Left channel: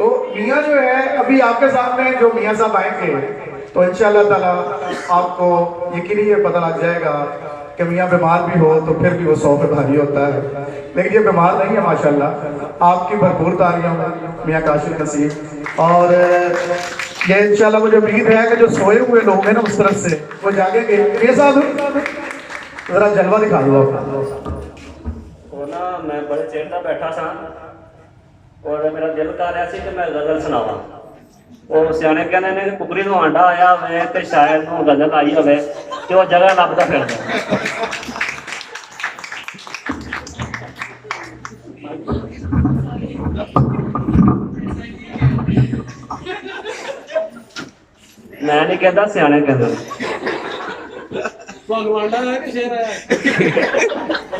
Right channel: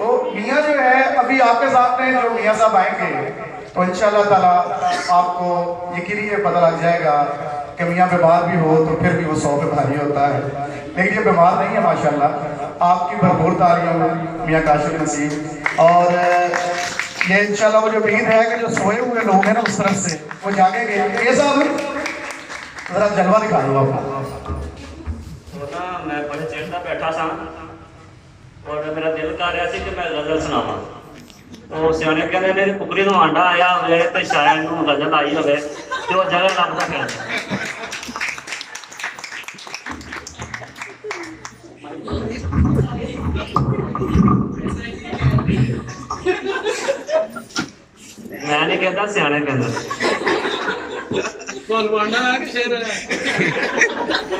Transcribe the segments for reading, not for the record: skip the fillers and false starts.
तो मियाँ जो है अभी आपके सामने जो मियाँ साहब आएंगे तो इंशाअल्लाह ताला आपको यकीनी ये पता लग जाएगा कि मियाँ बीमार भी हो तो फिर भी वो 100 पे भारी होता है, लेकिन ये बीमार नहीं है माशाल्लाह। आपकी भरपूर तालियां मियाँ काशिफ नसीम। और ये इंशाल्लाह वो जो उम्मीद है कि जो सोए हुए लोग हैं ना उस तरफ से वो जागेंगे। ये साहब जरा जलवा दिखा दो आपको। तो ना मैं बड़े चेर का बैठा सा और मेरा दिल कर रहा सी कि मैं गजल सुनावा। तो सियाने कहते ने कुकरी ਨੂੰ ਆਂਡਾ ਆਇਆ ਹੋਵੇ ਤੇ ਸ਼ਾਇਰ ਨੂੰ ਗਜ਼ਲ ਆਈ ਹੋਵੇ ਤੇ ਉਹ ਜਗ੍ਹਾ ਲੱਭਦਾ ਫਿਰਦਾ। मैं नहीं कहता सियाने कहते ਤੁਹਾਨੂੰ ਆਂਡਾ ਨਾ ਕਿ ਸ਼ੇਰ ਆਇਆ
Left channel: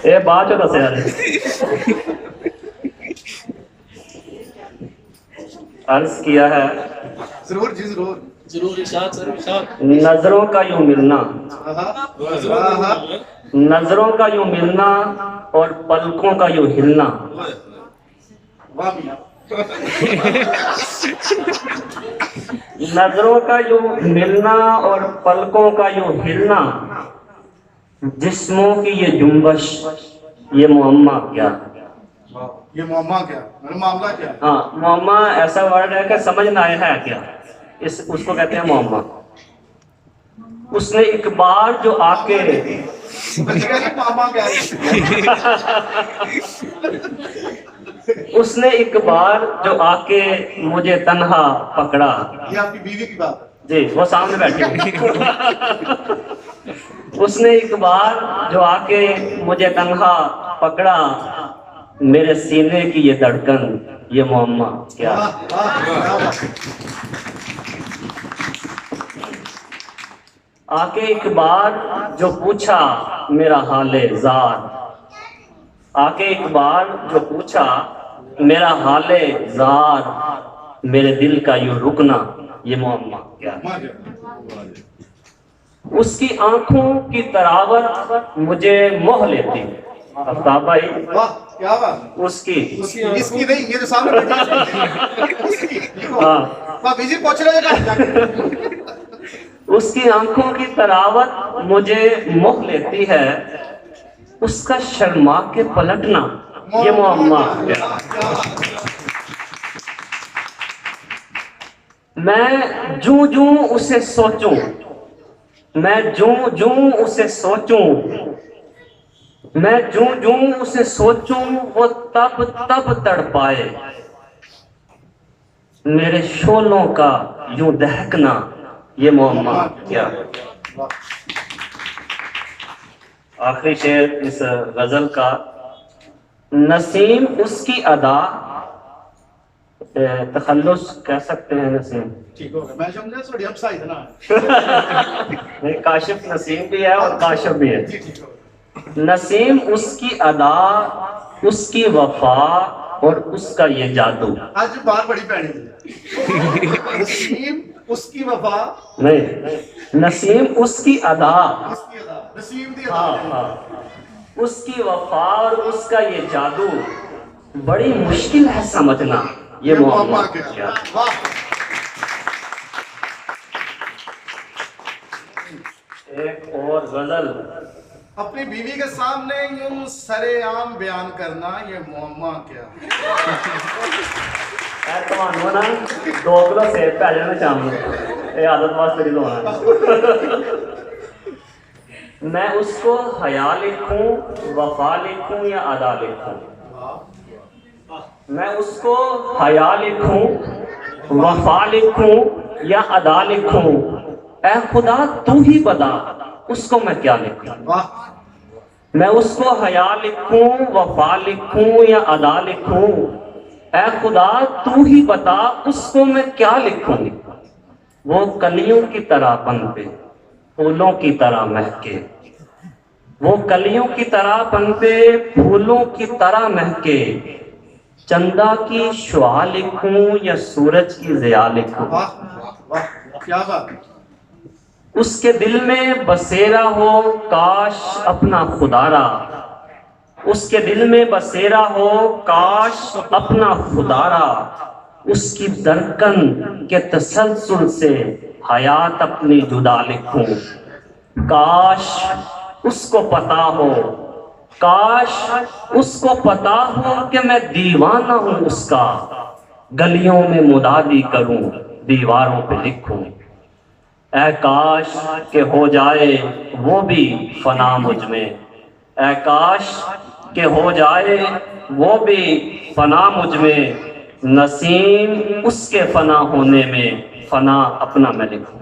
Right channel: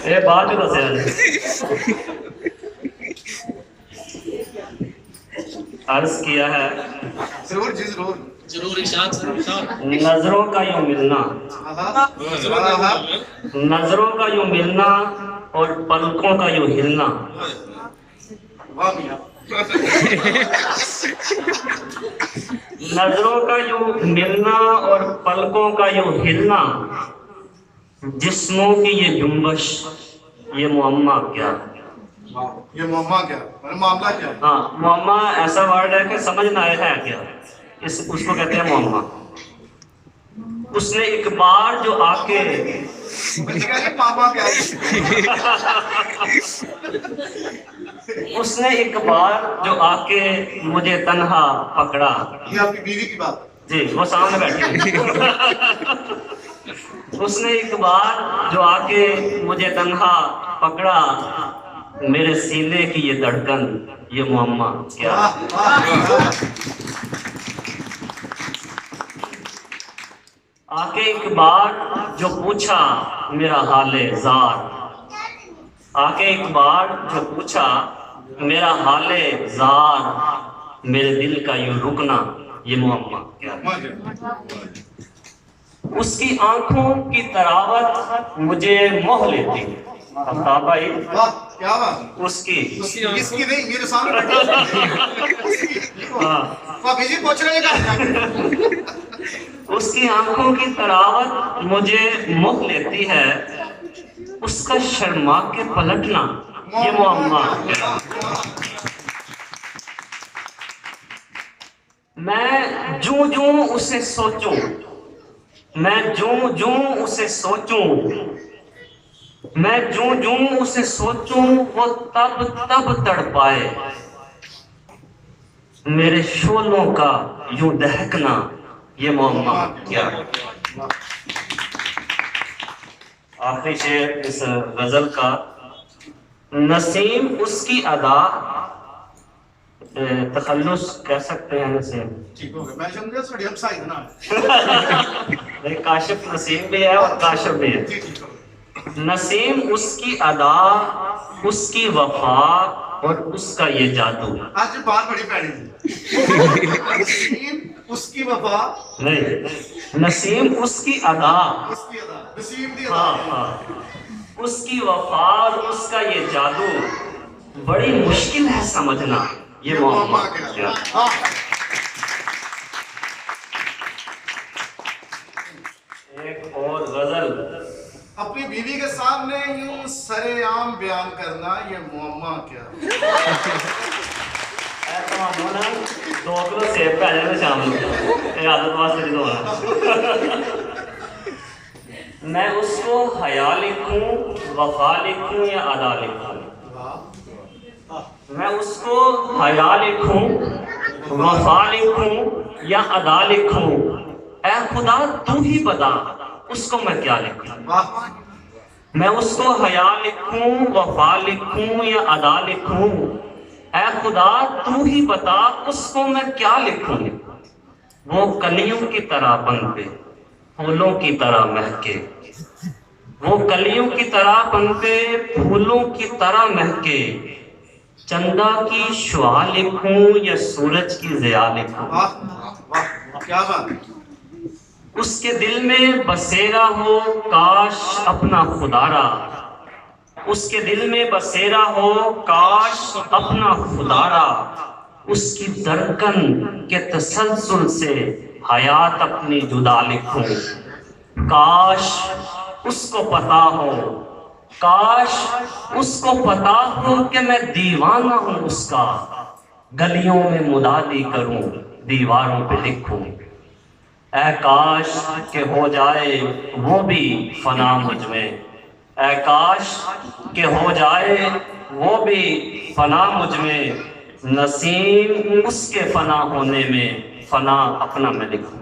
ਇਹ ਬਾਅਦ ਚ ਦੱਸਿਆ ਨੇ। अर्ज किया है जरूर जी जरूर जरूर इरशाद सर इरशाद। नजरों का यूं मिलना, आहा, नजरों का यूं मिलना और पलकों का यूं हिलना, वाह मियाँ। नजरों का यूं मिलना और पलकों का यूं हिलना, जिस्मों की ये जुम्बश ये मुअम्मा क्या। ये मुअम्मा क्या मतलब मामला क्या है? हाँ, मुअम्मा ऐसा वर्ड है कि समझ ना आया है क्या, इस उसको कहते हैं मुअम्मा। उसने एक बार जो आके मामा क्या है? उसने एक बार जो आके मुझे तन्हा पकड़ा। ये आपकी बीवी की बात है। जी वो सामने बैठी। उसने एक बार जो आके मुझे तन्हा पकड़ा, मेरे सीने की ये धड़कन ये मुअम्मा क्या। वाह, वाह, आके एक बार जो पूछा मेरा हाले जार, आके एक बार जो पूछा मेरा हाले जार, मेरे दिल का यूं रुकना ये मुअम्मा क्या। उसकी आंखों की तरावत मुझे मोह लेती। आफ्ताब भाई वाह, क्या बात। उसकी इसकी नहीं, ये जो सामने बैठी है। हाँ, वाह, बीजी पूछ रहे हैं। उसकी आंखों की तरावत मुझे मोह लेती है, उसका शर्मा के पलटना ये मुअम्मा क्या। मैं जूं जूं उसे सोचूं, मैं जूं जूं उसे सोचूं, मैं जूं जूं उसे सोचूं, वो तब तब तड़पाए, मेरे शोलों का यूं दहकना ये मुअम्मा क्या। आखिरी शेर इस गजल का, नसीम उसकी अदा, तखल्लुस कह सकते हैं नसीम। ठीक हो गया, मैं समझा थोड़ी अपसाइड ना है। नहीं, काशिफ नसीम भी है और काशिफ भी है। जी, ठीक हो गया। नसीम उसकी अदा, उसकी वफा और उसका ये जादू। आज बात बड़ी पैनी नसीम उसकी वफा, नहीं, नसीम उसकी अदा, इसकी अदा, नसीम दी हाँ अदा। हाँ, उसकी वफा और उसका ये जादू बड़ी मुश्किल है समझना ये मुअम्मा क्या। वाह। एक और गजल, अपनी बीवी के सामने यूं सरेआम बयान करना ये मुअम्मा क्या। ਤੁਹਾਨੂੰ ਨਾ 2 किलो सेब पै जाने शाम ਨੂੰ, ਇਹ आदत वास्ते नहीं दवा। मैं उसको हया लिखूं, वफा लिखूं या अदा लिखूं, मैं उसको हया लिखूं, वफा लिखूं या अदा लिखूं, ऐ खुदा तू ही बता उसको मैं क्या लिखूं। वाह। मैं उसको हया लिखूं, वफा लिखूं या अदा लिखूं, ऐ खुदा तू ही बता उसको मैं क्या लिखूं। वो कलियों की तरह पनपे, फूलों की तरह महके, वो कलियों की तरह पनपे, फूलों की तरह महके, चंदा की शुआ लिखूं या सूरज की ज़िया लिखूं। वाह, वाह, क्या बात। उसके दिल में बसेरा हो काश अपना खुदारा, उसके दिल में बसेरा हो काश अपना खुदारा, उसकी दरकन के तसलसल से हयात अपनी जुदा लिखूं। काश उसको पता हो, काश उसको पता हो कि मैं दीवाना हूं उसका, गलियों में मुदादी करूं, दीवारों पे लिखूं। ऐ काश के हो जाए वो भी फना मुझ में, ऐ काश के हो जाए वो भी फना मुझ में, नसीम उसके फना होने में फना अपना मैं लिखूं।